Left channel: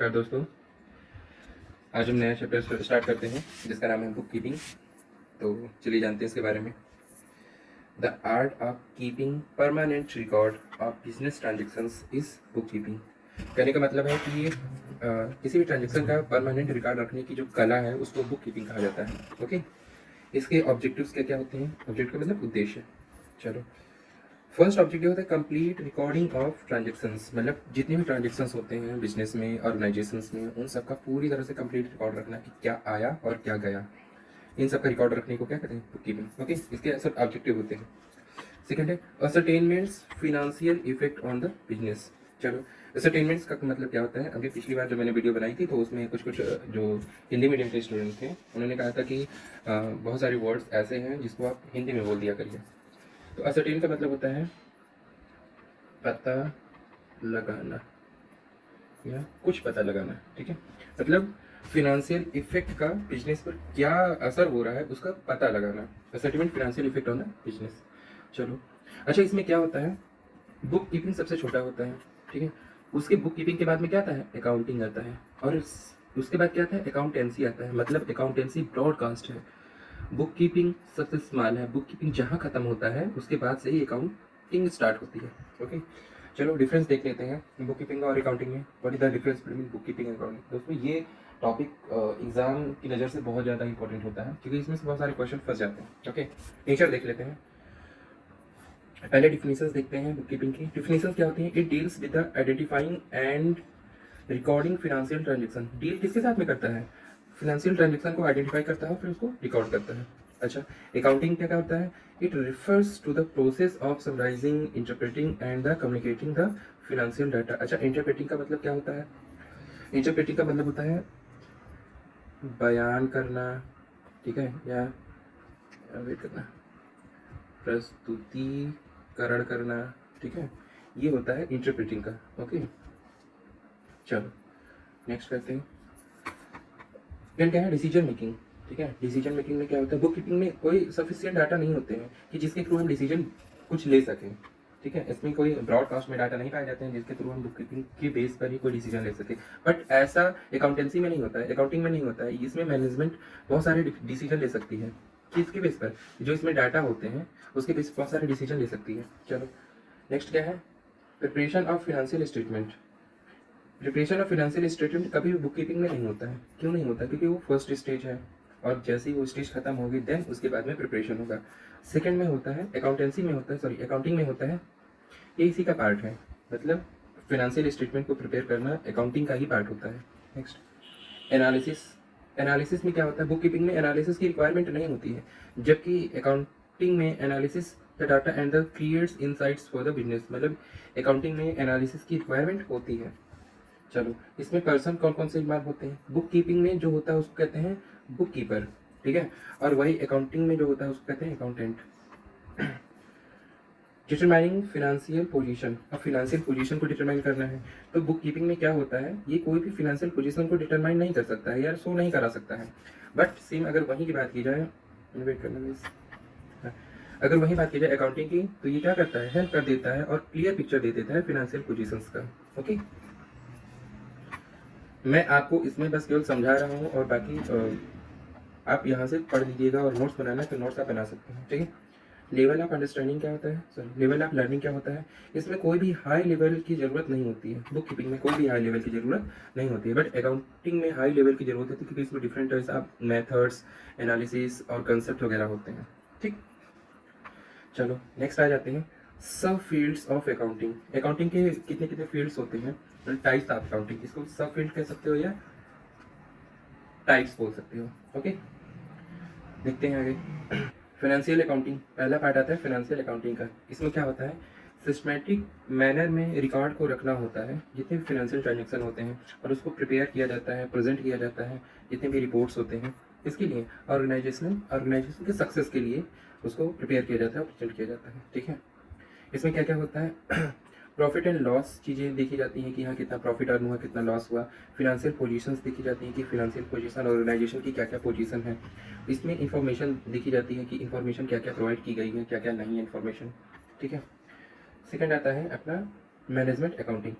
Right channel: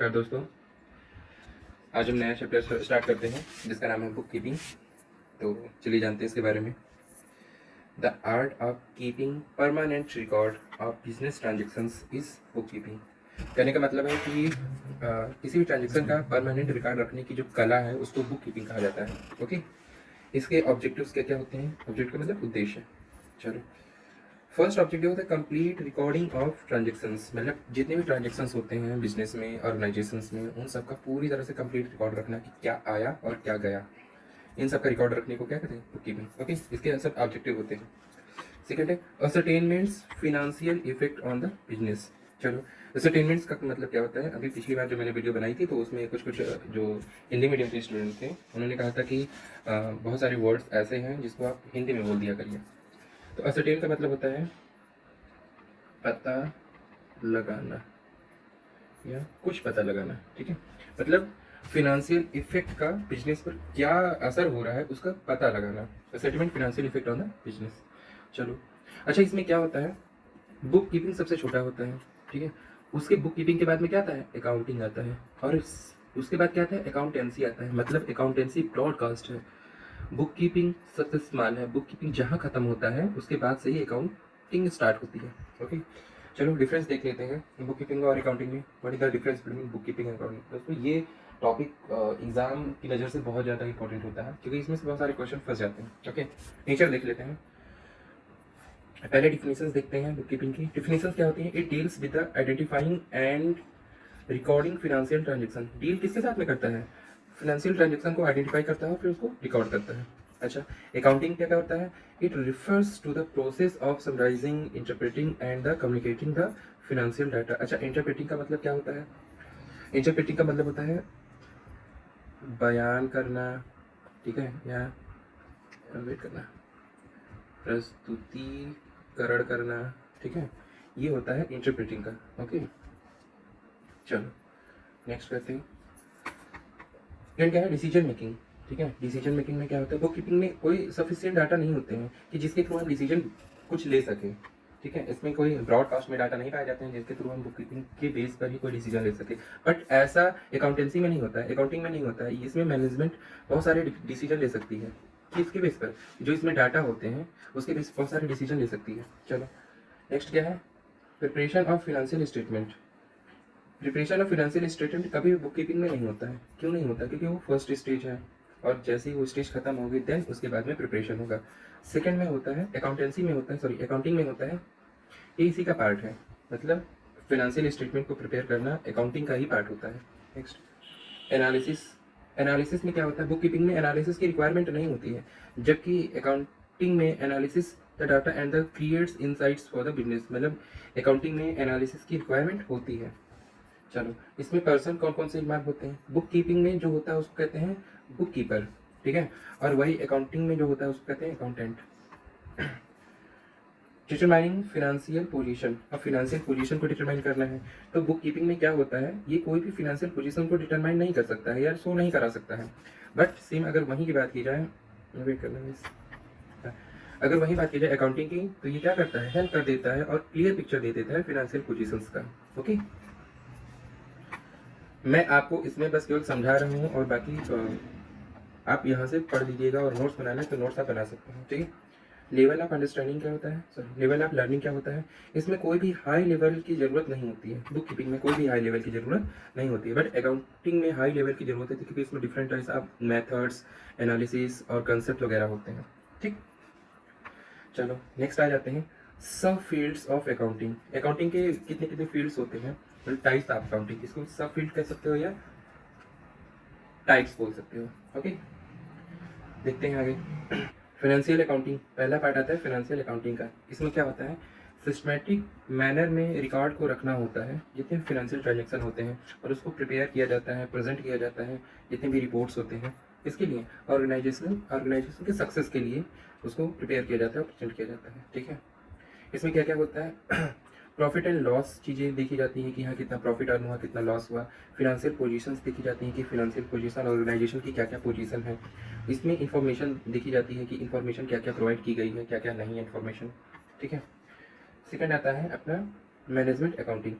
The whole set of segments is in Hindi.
नमस्कार दोस्तों। आज हम नया चैप्टर स्टार्ट करते हैं जिसका नाम है बुक कीपिंग। तो चलिए जानते हैं इसके बारे में। The art of keeping permanent record of business transactions is book keeping. कहने का मतलब है कि किसी भी ट्रांजेक्शन का परमानेंट रिकॉर्ड रखने की जो कला है उसको बुक कीपिंग कहा जाता है। ओके, इसके ऑब्जेक्टिव्स क्या क्या होते हैं? ऑब्जेक्ट का मतलब उद्देश्य। चलो, फर्स्ट ऑब्जेक्टिव होता है कंप्लीट रिकॉर्डिंग ऑफ ट्रांजेक्शन्स, मतलब जितने भी ट्रांजेक्शन्स होते हैं बिजनेस में, ऑर्गेनाइजेशंस में, उन सब का पूरी तरह से कंप्लीट रिकॉर्ड रखना कि क्या आया और क्या गया। इन सब का रिकॉर्ड रखने को क्या कहते हैं? Book keeping. ओके, इसके सब ऑब्जेक्टिव होते हैं। सेकेंड है ascertainments financial effect on the business. चलो, असरटेनमेंट्स का मतलब क्या होता है? अभी पिछली बार जो मैंने वीडियो बनाई थी तो उसमें कुछ कुछ जो हिंदी मीडियम के स्टूडेंट थे उन्होंने कहा था कि बहुत सारे वर्ड्स ऐसे हैं जिसको आप हिंदी में बोल दिया करिए। तो असरटेन का मतलब होता है पता लगाना या कुछ पता लगाना। ठीक है, मतलब फिनेंशियल इफेक्ट का बिजनेस पर क्या असर हो रहा है उसका पता लगाना। Settlement financial effect on the business. चलो, अच्छा, इसमें क्या होता है? बुक कीपिंग सबसे छोटा होता है। ठीक है, उसके बुक कीपिंग के बाद में क्या आता है? अकाउंटिंग आता है। और उसके बाद क्या आता है? अकाउंटेंसी आता है। मतलब अकाउंटेंसी ब्रॉडकास्ट है। बुक कीपिंग सबसे स्मॉल है। बुक कीपिंग जहाँ खत्म होता है उसके बाद से ही अकाउंटिंग स्टार्ट होती है। ओके, चलो डिफरेंस देख लेते हैं बुक कीपिंग और अकाउंटिंग में। What is the difference between book keeping and accounting? दोस्तों, ये टॉपिक एग्जाम की नज़र से बहुत ज़्यादा इंपॉर्टेंट होता है क्योंकि इसमें से बहुत सारे क्वेश्चन फंस जाते हैं। ओके, नेचर देख लेते हैं। पहले डिफिनेशंस देखते हैं बुक कीपिंग की। डिफिनेशंस क्या होती हैं? It deals with the identifying and recording financial transaction. Deal किसके साथ में करता है? फिनेंशियल ट्रांजेक्शन को आइडेंटिफाई करता है फिर उसको रिकॉर्ड करता है। अच्छा, अकाउंटिंग क्या होता है? It refers to the process of summarising, interpreting and the communicating the financial data. अच्छा, इंटरप्रेटिंग का मतलब क्या होता है? इंटरप्रेटिंग का मतलब होता है बयान करना, ठीक है, या वेट करना, प्रस्तुतिकरण करना। ठीक है, ये होता है इंटरप्रेटिंग का। ओके, चलो नेक्स्ट करते हैं। देन क्या है? Decision making. ठीक है, डिसीजन मेकिंग में क्या होता है? बुक कीपिंग में कोई सफिशिएंट डाटा नहीं होते हैं कि जिसके थ्रू हम डिसीजन कुछ ले सकें। ठीक है, इसमें कोई ब्रॉडकास्ट में डाटा नहीं पाए जाते हैं जिसके थ्रू हम बुक कीपिंग के बेस पर ही कोई डिसीजन ले सके। बट ऐसा अकाउंटेंसी में नहीं होता है, अकाउंटिंग में नहीं होता है। इसमें मैनेजमेंट बहुत सारे डिसीजन ले सकती है। किसके बेस पर? जो इसमें डाटा होते हैं उसके बेस पर बहुत सारे डिसीजन ले सकती है। चलो नेक्स्ट क्या है? Preparation of financial statement. Preparation of financial statement कभी बुक कीपिंग में नहीं होता है। क्यों नहीं होता? क्योंकि वो फर्स्ट स्टेज है और जैसे ही वो स्टेज खत्म हो गई देन उसके बाद में प्रिपरेशन होगा। सेकंड में होता है अकाउंटेंसी में होता है, सॉरी अकाउंटिंग में होता है। ये इसी का पार्ट है, मतलब फिनेंशियल स्टेटमेंट को प्रिपेयर करना अकाउंटिंग का ही पार्ट होता है। Next, analysis. एनालिसिस में क्या होता है? बुक कीपिंग में एनालिसिस की रिक्वायरमेंट नहीं होती है, जबकि अकाउंटिंग में analysis the data and the creates insights for the business. मतलब अकाउंटिंग में एनालिसिस की रिक्वायरमेंट होती है। चलो, इसमें पर्सन कौन कौन से इन्वॉल्व होते हैं? बुक कीपिंग में जो होता है उसको कहते हैं बुक कीपर। ठीक है, और वही अकाउंटिंग में जो होता है उसको कहते हैं अकाउंटेंट। Determining financial position. अब फिनेंशियल पोजीशन को डिटरमाइन करना है तो बुक कीपिंग में क्या होता है? ये कोई भी फिनेंशियल पोजीशन को डिटरमाइन नहीं कर सकता है या शो नहीं करा सकता है। बट सेम अगर वहीं की बात की जाए, वेट करना मिस, अगर वही बात की जाए अकाउंटिंग की, तो ये क्या करता है? हेल्प कर देता है और क्लियर पिक्चर दे देता है फिनेंशियल पोजीशंस का। ओके, मैं आपको इसमें बस केवल समझा रहा हूँ और बाकी आप यहाँ से पढ़ लीजिएगा और नोट्स बनाना है तो नोट्स आप बना सकते हैं। ठीक है, लेवल ऑफ अंडरस्टैंडिंग क्या होता है? सॉरी, लेवल ऑफ लर्निंग क्या होता है? इसमें कोई भी हाई लेवल की ज़रूरत नहीं होती है। बुक कीपिंग में कोई भी हाई लेवल की ज़रूरत नहीं होती है, बट अकाउंटिंग में हाई लेवल की ज़रूरत होती है क्योंकि इसमें different types of methods, analysis और कंसेप्ट वगैरह होते हैं। ठीक, चलो नेक्स्ट आ जाते हैं सब फील्ड्स ऑफ अकाउंटिंग। अकाउंटिंग के कितने कितने फील्ड्स होते हैं? टाइप्स ऑफ अकाउंटिंग, इसको सब फील्ड कह सकते हो या टाइप्स बोल सकते हो। ओके, देखते हैं आगे। फाइनेंशियल अकाउंटिंग, पहला पार्ट आता है फाइनेंशियल अकाउंटिंग का। इसमें क्या होता है? सिस्टमेटिक मैनर में रिकॉर्ड को रखना होता है जितने फाइनेंशियल ट्रांजेक्शन होते हैं और उसको प्रिपेयर किया जाता है, प्रेजेंट किया जाता है जितने भी रिपोर्ट्स होते हैं। इसके लिए ऑर्गेनाइजेशन के सक्सेस के लिए उसको प्रिपेयर किया जाता है और प्रेजेंट किया जाता है। ठीक है, इसमें क्या क्या होता है? प्रॉफिट एंड लॉस चीज़ें देखी जाती हैं कि यहाँ कितना प्रॉफिट अर्न हुआ, कितना लॉस हुआ। फिनेंशियल पोजीशंस देखी जाती हैं कि फिनेंशियल पोजीशन ऑर्गेनाइजेशन की क्या क्या पोजीशन है। इसमें इंफॉर्मेशन देखी जाती है कि इंफॉर्मेशन क्या क्या प्रोवाइड की गई है, क्या क्या नहीं है इंफॉर्मेशन। ठीक है, सेकंड आता है अपना मैनेजमेंट अकाउंटिंग।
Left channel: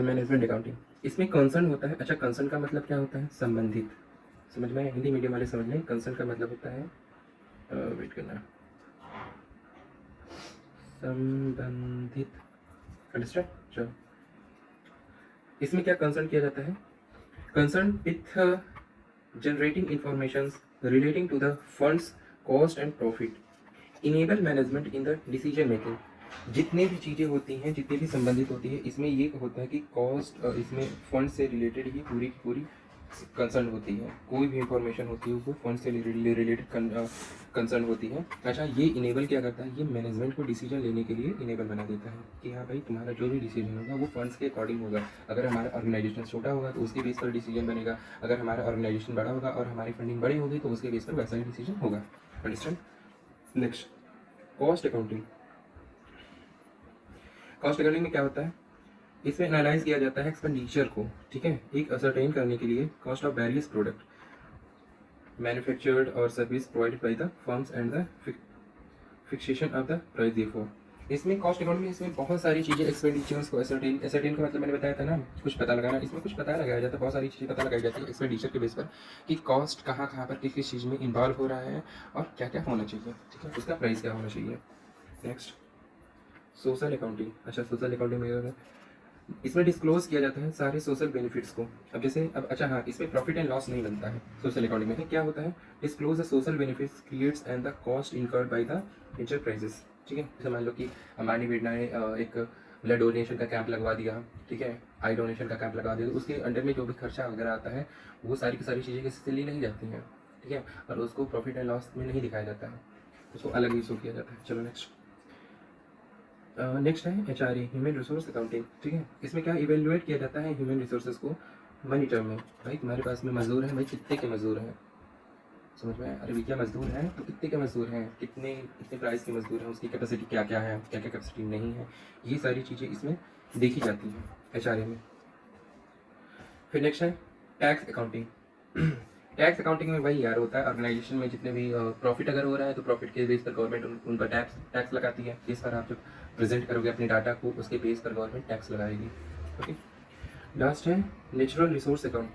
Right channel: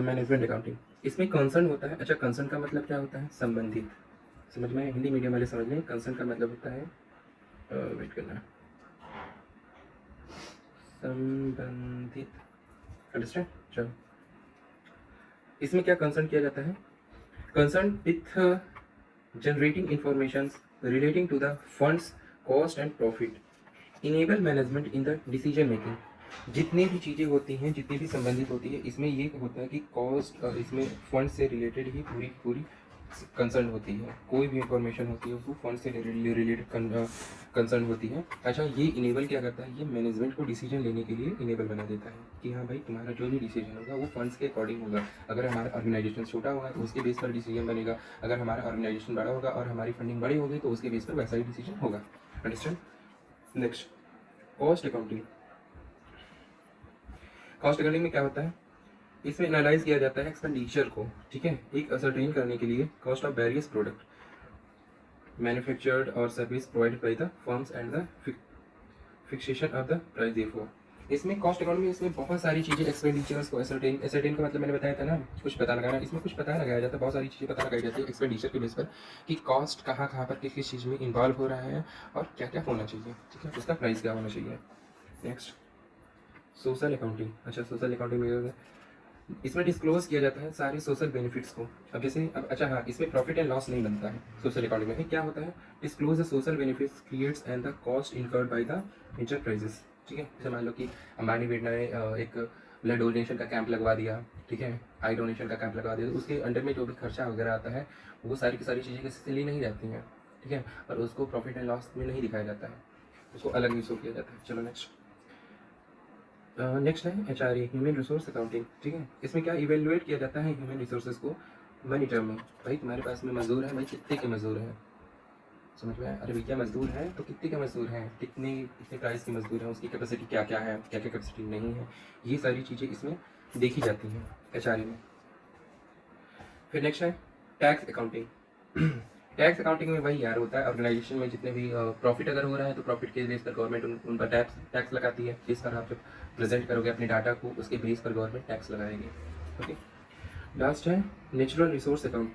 मैनेजमेंट अकाउंटिंग, इसमें कंसर्न होता है। अच्छा, कंसर्न का मतलब क्या होता है? संबंधित। समझ में? हिंदी मीडियम वाले समझ लें, कंसर्न का मतलब होता है वेट करना, संबंधित। अंडरस्टैंड? चलो, इसमें क्या कंसर्न किया जाता है? Concern with generating information relating to the funds cost and profit enable management in the decision making। जितनी भी चीज़ें होती हैं, जितनी भी संबंधित होती है, इसमें ये होता है कि कॉस्ट और इसमें फंड से रिलेटेड ही पूरी पूरी कंसर्न होती है। कोई भी इंफॉर्मेशन होती है वो फंड से रिलेटेड कंसर्न होती है। अच्छा, ये इनेबल क्या करता है? ये मैनेजमेंट को डिसीजन लेने के लिए इनेबल बना देता है कि हाँ भाई, तुम्हारा जो भी डिसीजन होगा वो फंड्स के अकॉर्डिंग होगा। अगर हमारा ऑर्गेनाइजेशन छोटा होगा तो उसके बेस पर डिसीजन बनेगा, अगर हमारा ऑर्गेनाइजेशन बड़ा होगा और हमारी फंडिंग बड़ी होगी तो उसके बेस पर वैसा ही डिसीजन होगा। Understand? Next, cost accounting. Cost accounting में क्या होता है? इसमें एनालाइज किया जाता है एक्सपेंडिचर को, ठीक है, एक असरटेन करने के लिए cost of various product manufactured और service provided by the firms and the fixation of the price therefore. इसमें कॉस्ट अकाउंट में इसमें बहुत सारी चीज़ें एक्सपेंडिचर्स को असरटेन का मतलब मैंने बताया था ना, कुछ पता लगाना। इसमें कुछ पता लगाया जाता है, बहुत सारी चीज़ें पता लगाई जाती है एक्सपेंडिचर के बेस पर कि कॉस्ट कहाँ कहाँ पर किस किस चीज़ में इन्वॉल्व हो रहा है और क्या क्या होना चाहिए, ठीक है, उसका प्राइस क्या होना चाहिए। Next, social accounting. अच्छा, सोशल अकाउंटिंग में इसमें डिस्क्लोज किया जाता है सारे सोशल बेनिफिट्स को। अब जैसे अब अच्छा हाँ, इसमें प्रॉफिट एंड लॉस नहीं बनता है सोशल अकाउंटिंग में। क्या होता है? Disclose the social benefits creates and the cost incurred by the enterprises, ठीक है। समझ लो कि अंबानी बेटा ने एक ब्लड डोनेशन का कैंप लगवा दिया, ठीक है, आई डोनेशन का कैंप लगा दिया, तो उसके अंडर में जो भी खर्चा वगैरह आता है वो सारी की सारी चीज़ें किसी से ली नहीं जाती हैं, ठीक है, और उसको प्रॉफिट एंड लॉस में नहीं दिखाया जाता है, उसको अलग इशू किया जाता है। चलो नेक्स्ट, नेक्स्ट है H R A, human resource accounting, ठीक है। इसमें क्या इवेल्युएट किया जाता है ह्यूमन रिसोर्सेज को मनी टर्म में। भाई तुम्हारे पास में मजदूर है, भाई कितने के मजदूर हैं, समझ में आया? अरे भैया मजदूर हैं तो कितने के मजदूर हैं, कितने कितने प्राइस के मजदूर हैं, उसकी कैपेसिटी क्या क्या है, क्या क्या कैपेसिटी नहीं है, ये सारी चीज़ें इसमें देखी जाती हैं एच आर ए में। फिर नेक्स्ट है टैक्स अकाउंटिंग। टैक्स अकाउंटिंग में भाई यार होता है ऑर्गेनाइजेशन में जितने भी प्रॉफिट अगर हो रहा है तो प्रॉफिट के बेस पर गवर्नमेंट उन पर टैक्स टैक्स लगाती है। जिस पर आप जब प्रेजेंट करोगे अपने डाटा को, उसके बेस पर गवर्नमेंट टैक्स लगाएगी। ओके, लास्ट है नेचुरल रिसोर्स अकाउंट।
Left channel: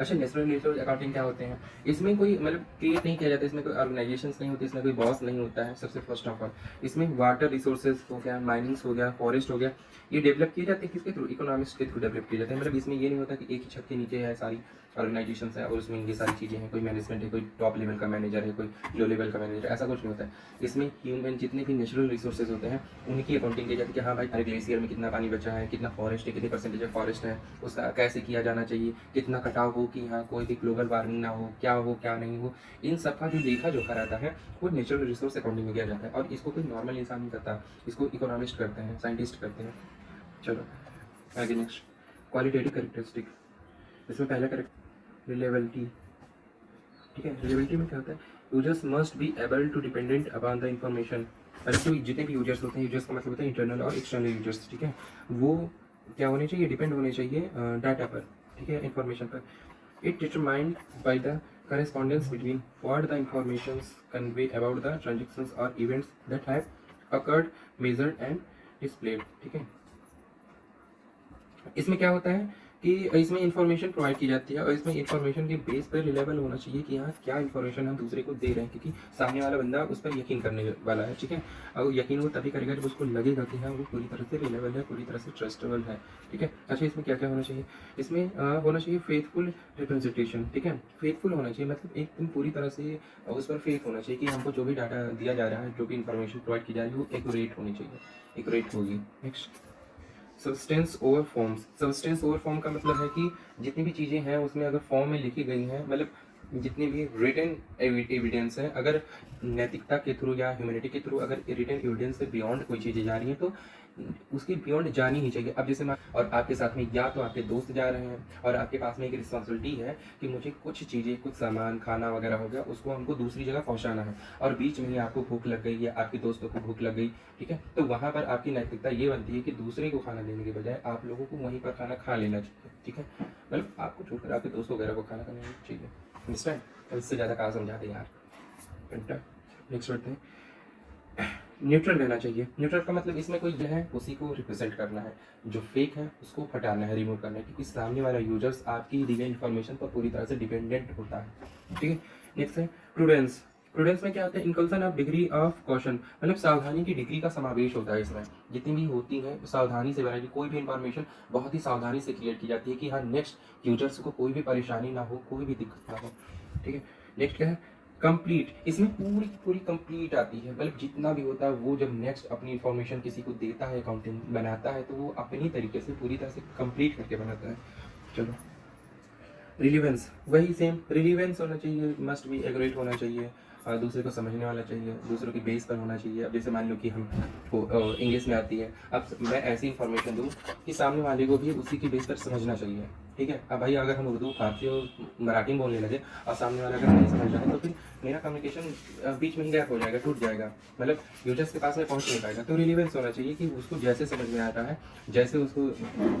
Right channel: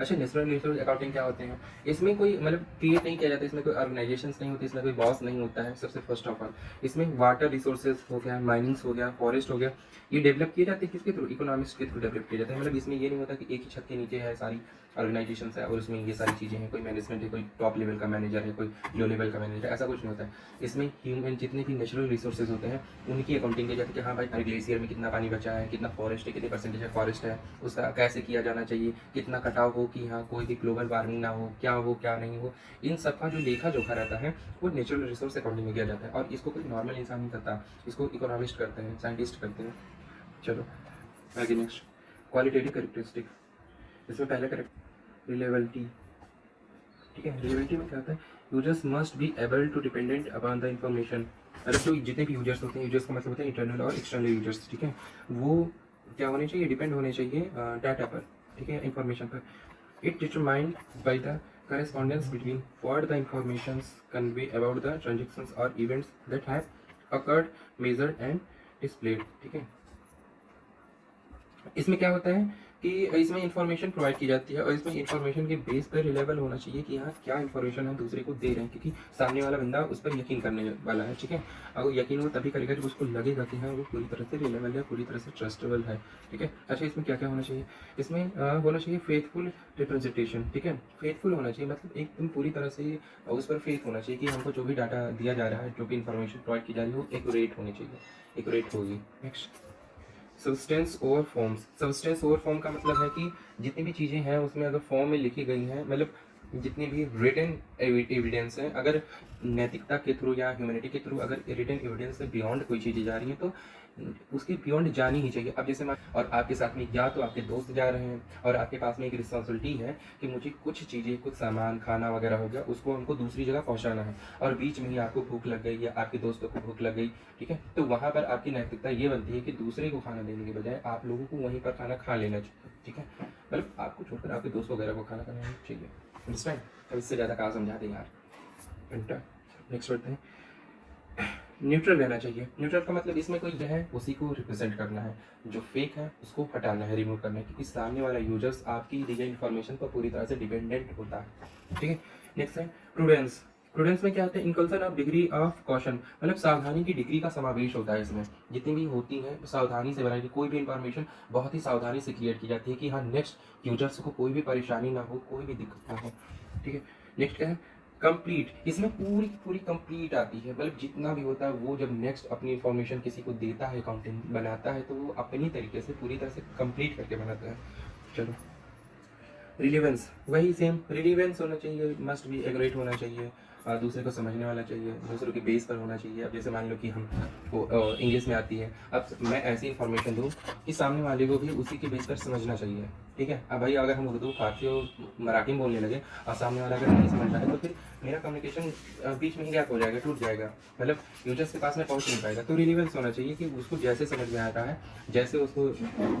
अच्छा, नेचुरल रिसोर्स अकाउंटिंग क्या होते हैं? इसमें कोई मतलब क्रिएट नहीं किया जाता, इसमें कोई ऑर्गेनाइजेशन नहीं होती, इसमें कोई बॉस नहीं होता है। सबसे फर्स्ट ऑफ ऑल इसमें वाटर रिसोर्सेज हो गया, माइनिंग्स हो गया, फॉरेस्ट हो गया, ये डेवलप किए जाते हैं किसके थ्रू? इकोनॉमिक्स के थ्रू डेवलप किए जाते हैं। मतलब इसमें ये नहीं होता कि एक ही छत के नीचे है सारी ऑर्गेनाइजेशन है और उसमें ये सारी चीज़ें हैं, कोई मैनेजमेंट है, कोई टॉप लेवल का मैनेजर है, कोई लो लेवल का मैनेजर, ऐसा कुछ नहीं होता है। इसमें ह्यूमन जितने भी नेचुरल रिसोर्सेज होते हैं उनकी अकाउंटिंग की जाती है कि हाँ भाई हर ग्लेशियर में कितना पानी बचा है, कितना फॉरेस्ट है, कितनी परसेंटेज ऑफ फॉरेस्ट है, उसका कैसे किया जाना चाहिए, कितना कटाव हो कि हाँ कोई भी ग्लोबल वार्मिंग ना हो, क्या नहीं हो, इन सब का जो लेखा जोखा रहता है वो नेचुरल रिसोर्स अकाउंटिंग में किया जाता है। और इसको कोई नॉर्मल इंसान नहीं करता, इसको इकोनॉमिस्ट करते हैं, साइंटिस्ट करते हैं। चलो आगे नेक्स्ट, क्वालिटेटिव करेक्टरिस्टिक। इसमें पहले करेक्ट रिलेबिलिटी, ठीक है। रिलेबिलिटी में क्या होता है? Users must be able to dependent upon the information. मतलब तो जितने भी यूजर्स होते हैं, यूजर्स का मतलब होता है इंटरनल और एक्सटर्नल यूजर्स, ठीक है, वो क्या होने चाहिए? डिपेंड होने चाहिए डाटा पर, ठीक है, इन्फॉर्मेशन पर। It determined by the correspondence between what the informations convey about the transactions or events that have occurred, measured and displayed, ठीक है। इसमें क्या होता है कि इसमें इंफॉर्मेशन प्रोवाइड की जाती है और इसमें इंफॉर्मेशन के बेस पर रिलेबल होना चाहिए कि हाँ क्या इंफॉर्मेशन हम दूसरे को दे रहे हैं, क्योंकि सामने वाला बंदा उस पर यकीन करने वाला है, ठीक है। और यकीन वो तभी करेगा जब उसको लगेगा कि हाँ वो पूरी तरह से रिलेबल है, पूरी तरह से ट्रस्टेबल है, ठीक है। अच्छा, इसमें क्या क्या होना चाहिए? इसमें होना चाहिए फेथफुल रिप्रेजेंटेशन, ठीक है। फेथफुल होना चाहिए मतलब एकदम पूरी तरह से उस पर फेथ होना चाहिए कि हमको जो भी डाटा दिया जा रहा है, जो भी इंफॉर्मेशन प्रोवाइड की जा रही है वो एक्यूरेट होनी चाहिए, एक्यूरेट होगी। Next, substance over forms. Substance over form का मतलब है कि जितनी भी चीज़ें हैं उसमें अगर फॉर्म में लिखी गई हैं, मतलब जितनी भी रिटन एविडेंस है, अगर नैतिकता के थ्रू या ह्यूमैनिटी के थ्रू अगर रिटन एविडेंस से बियॉन्ड कोई चीज़ें जा रही हैं तो उसकी बियॉन्ड जानी ही चाहिए। अब जैसे और आपके साथ में या तो आपके दोस्त जा रहे हैं और आपके पास में एक रिस्पॉन्सिबिलिटी है कि मुझे कुछ चीज़ें, कुछ सामान, खाना वगैरह हो गया, उसको हमको दूसरी जगह पहुंचाना है और बीच में ही आपको भूख लग गई या आपके दोस्तों को भूख लग गई, ठीक है, तो वहाँ पर आपकी नैतिकता ये बनती है कि दूसरे को खाना देने के बजाय आप लोगों को वहीं पर खाना खा लेना चाहिए, ठीक है। मतलब आपको छोड़कर आपके दोस्त वगैरह को खाना खाना चाहिए। अंडरस्टैंड? इससे ज़्यादा कहाँ समझा दे यार। नेक्स्ट बढ़ते हैं, न्यूट्रल रहना चाहिए। न्यूट्रल का मतलब इसमें कोई जो है उसी को रिप्रेजेंट करना है, जो फेक है उसको हटाना है, रिमूव करना है, क्योंकि सामने वाला यूजर्स आपकी दी गई इन्फॉर्मेशन पर पूरी तरह से डिपेंडेंट होता है। ठीक है। नेक्स्ट है प्रूडेंस। प्रूडेंस में क्या होता है? इंकल्सन ऑफ डिग्री ऑफ कॉशन, मतलब सावधानी की डिग्री का समावेश होता है इसमें। जितनी भी होती है सावधानी से बनाई, कोई भी इंफॉर्मेशन बहुत ही सावधानी से क्रिएट की जाती है कि हाँ नेक्स्ट यूजर्स को कोई भी परेशानी ना हो, कोई भी दिक्कत ना हो। ठीक है। नेक्स्ट क्या है? कंप्लीट। इसमें पूरी की पूरी कंप्लीट आती है, मतलब जितना भी होता है वो जब नेक्स्ट अपनी इंफॉर्मेशन किसी को देता है, कंटेंट बनाता है, तो वो अपनी तरीके से पूरी तरह से कंप्लीट करके बनाता है। चलो, रिलीवेंस, वही सेम रिलीवेंस होना चाहिए, मस्ट बी एग्रेट होना चाहिए, दूसरे को समझने वाला चाहिए, दूसरों के बेस पर होना चाहिए। अब जैसे मान लो कि हमको इंग्लिश में आती है, अब मैं ऐसी इन्फॉर्मेशन दूँ कि सामने वाले को भी उसी के बेस पर समझना चाहिए। ठीक है। अब भाई अगर हम उर्दू फारसी और मराठी में बोलने लगे और सामने वाला अगर नहीं समझ रहा है, तो फिर मेरा कम्युनिकेशन बीच में ही गैप हो जाएगा, टूट जाएगा, मतलब यूजर्स के पास में पहुंच नहीं पाएगा। तो रिलीवेंस होना चाहिए कि उसको जैसे समझ में आता है, जैसे उसको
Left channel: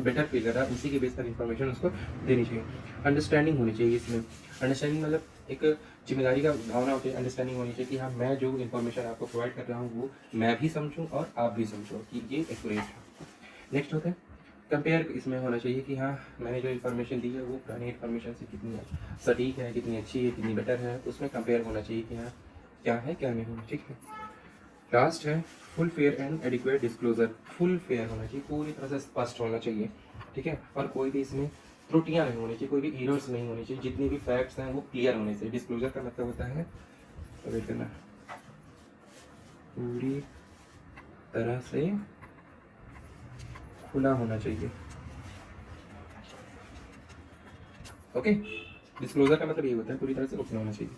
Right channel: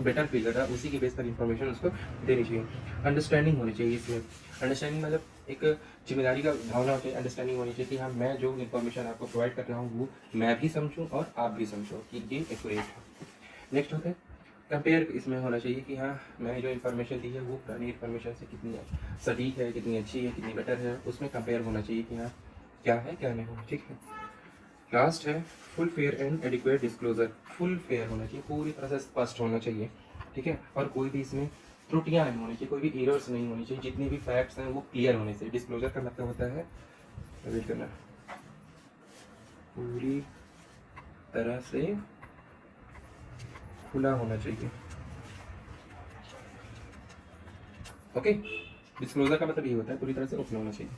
बेटर फील कर रहा है, उसी के बेस पर इंफॉर्मेशन उसको देनी चाहिए। अंडरस्टैंडिंग होनी चाहिए इसमें। अंडरस्टैंडिंग मतलब एक जिम्मेदारी का भावना होती है। अंडरस्टैंडिंग होनी चाहिए कि हाँ मैं जो इन्फॉर्मेशन आपको प्रोवाइड कर रहा हूँ वो मैं भी समझूँ और आप भी समझो कि ये एक्यूरेट। नेक्स्ट होता है कंपेयर। इसमें होना चाहिए कि हाँ मैंने जो इन्फॉर्मेशन दी है वो पुरानी इन्फॉर्मेशन से कितनी सटीक है, कितनी अच्छी है, कितनी बेटर है, उसमें कंपेयर होना चाहिए कि हाँ क्या है क्या नहीं होना। ठीक है। लास्ट है full fair and adequate disclosure. Full fair होना चाहिए, पूरी तरह से स्पष्ट होना चाहिए। ठीक है। और कोई भी इसमें त्रुटियां नहीं होनी चाहिए, कोई भी एरर्स नहीं होनी चाहिए, जितनी भी फैक्ट्स हैं वो क्लियर होने चाहिए। डिस्क्लोजर का मतलब होता है वेट करना, पूरी तरह से खुला होना चाहिए। ओके। डिस्क्लोजर का मतलब ये होता है पूरी तरह से ओपन होना चाहिए।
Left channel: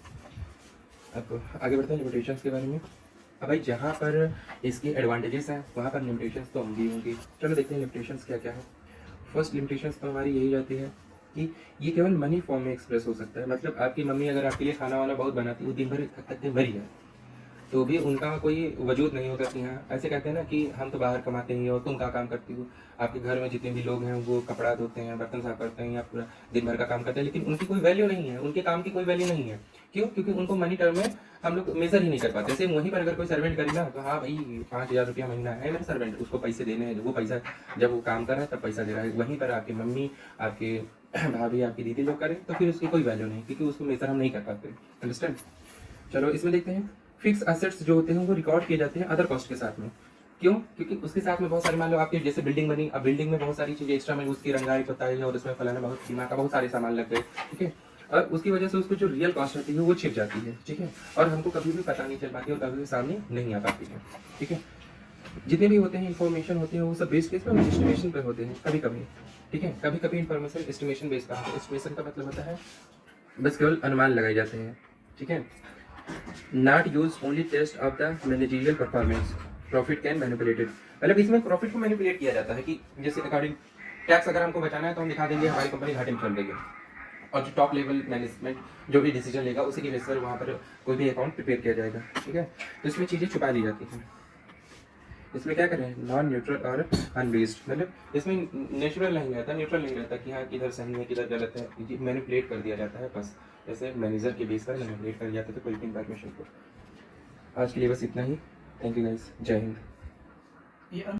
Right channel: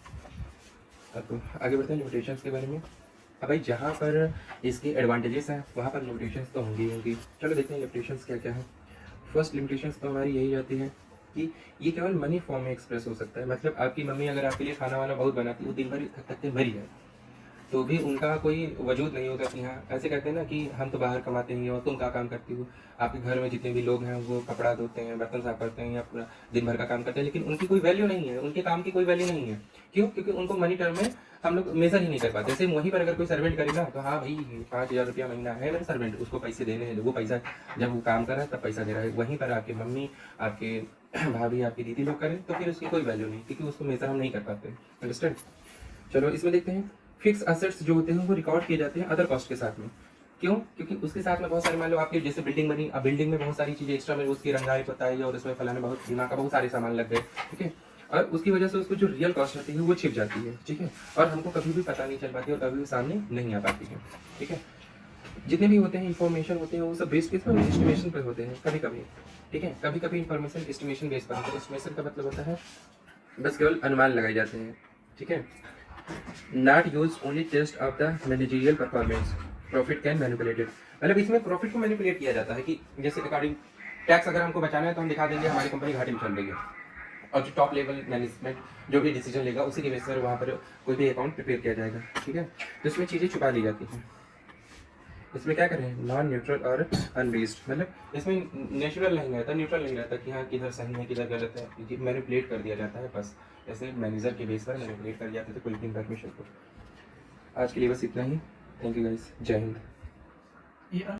अब आगे बढ़ते हैं लिमिटेशंस के बारे में। अब भाई जहाँ पर इसके एडवांटेजेस हैं वहाँ पर लिमिटेशंस तो होंगी ही होंगी। चलो देखते हैं लिमिटेशंस क्या क्या है। फर्स्ट लिमिटेशंस तो हमारी यही जाती है कि ये केवल मनी फॉर्म में एक्सप्रेस हो सकता है। मतलब आपकी मम्मी अगर आपके लिए खाना वाना बहुत बनाती है, वो दिन भर थक थक के मरी है, तो भी उनका कोई वजूद नहीं होगा कि हाँ, ऐसे कहते हैं ना कि हम तो बाहर कमाते हैं और तुम क्या काम करती हो। आपके घर में जितने भी लोग हैं वो कपड़ा धोते हैं, बर्तन साफ करते हैं या पूरा दिन भर का काम करते हैं, लेकिन उनकी कोई वैल्यू नहीं है, उनके काम की कोई वैल्यू नहीं है। क्यों? क्योंकि उनको मनी टर्म में हम लोग मेजर ही नहीं कर पाते। जैसे वहीं पर अगर कोई सर्वेंट करेगा तो हाँ भाई 5,000 रुपया महीना है मेरा सर्वेंट, उसको पैसे देने हैं, वो पैसा जब वो काम कर रहा है तब पैसा दे रहा है। वहीं पर आपकी मम्मी, आपके भाभी, आपकी दीदी लोग करें तो फिर उसकी कोई वैल्यू नहीं, क्योंकि उसको मेजर हम नहीं कर पाते। अंडरस्टैंड? चलो इसमें देखते हैं। फिक्स एसेट्स जो होते हैं वो रिकॉर्ड किए जाते हैं अदर कॉस्ट के साथ में। क्यों? क्योंकि उसके साथ में बहुत सारी, मान लो आपकी जैसे बिल्डिंग बनी, अब बिल्डिंग में बहुत सारी चीजें एक्स्ट्रा में उसकी रंगाई बताई और उसमें फलाना बहुत सीमा का बहुत सारे सामान लग गए। ठीक है। और उसकी वजह से उसको जो रियल कॉस्ट होती है वो छिप जाती है। ठीक है। और हमको कभी भी पता नहीं चल पाती और कभी भी सामने नहीं आ पाती है। ठीक है। जितने भी होते हैं इंफॉर्मेशन होते हैं वो सब बेस्ड किस पे? एस्टिमेशन पे होते हैं कभी कभी। ठीक है। कभी कभी इंफॉर्मेशन एस्टिमेशन बेस्ड पे होता है। एस्टिमेशन का मतलब होता है बस केवल अनुमान लगाए जाते हैं। ठीक है। Not use only test of the managerial performance, profit can manipulated. मतलब इसमें प्रॉफिट को मैनिपुलेट किया जाता है कि जैसे अकॉर्डिंग टैक्स अगर हमको बचाना है तो हम दिखा देंगे हमारी कंपनी घाटे में चल रही है, और जो टॉप लेवल मैनेजमेंट जो भी डिसीजन लेगा उसी के बेस पर वहाँ पर कोई भी अकाउंट प्रिपेयर किया जाएगा। ठीक है। तो इसमें चीज़ें छुपा दी जाती हैं। इसमें क्या करें? नॉन न्यूट्रल और अनबेस्ड, मतलब इसमें नेचुरल नहीं रहता, न्यूट्रल नहीं रहता कि हाँ किधर सही है किधर गलत है, ये मैनिपुलेट कर दिया जाता है बस। जैसे मैनेजर के बेस पर मैनिपुलेट कर दिया जाता है कोई भी इंफॉर्मेशन को। आज के लिए बस इतना ही। थैंक यू गाइस, जय हिंद।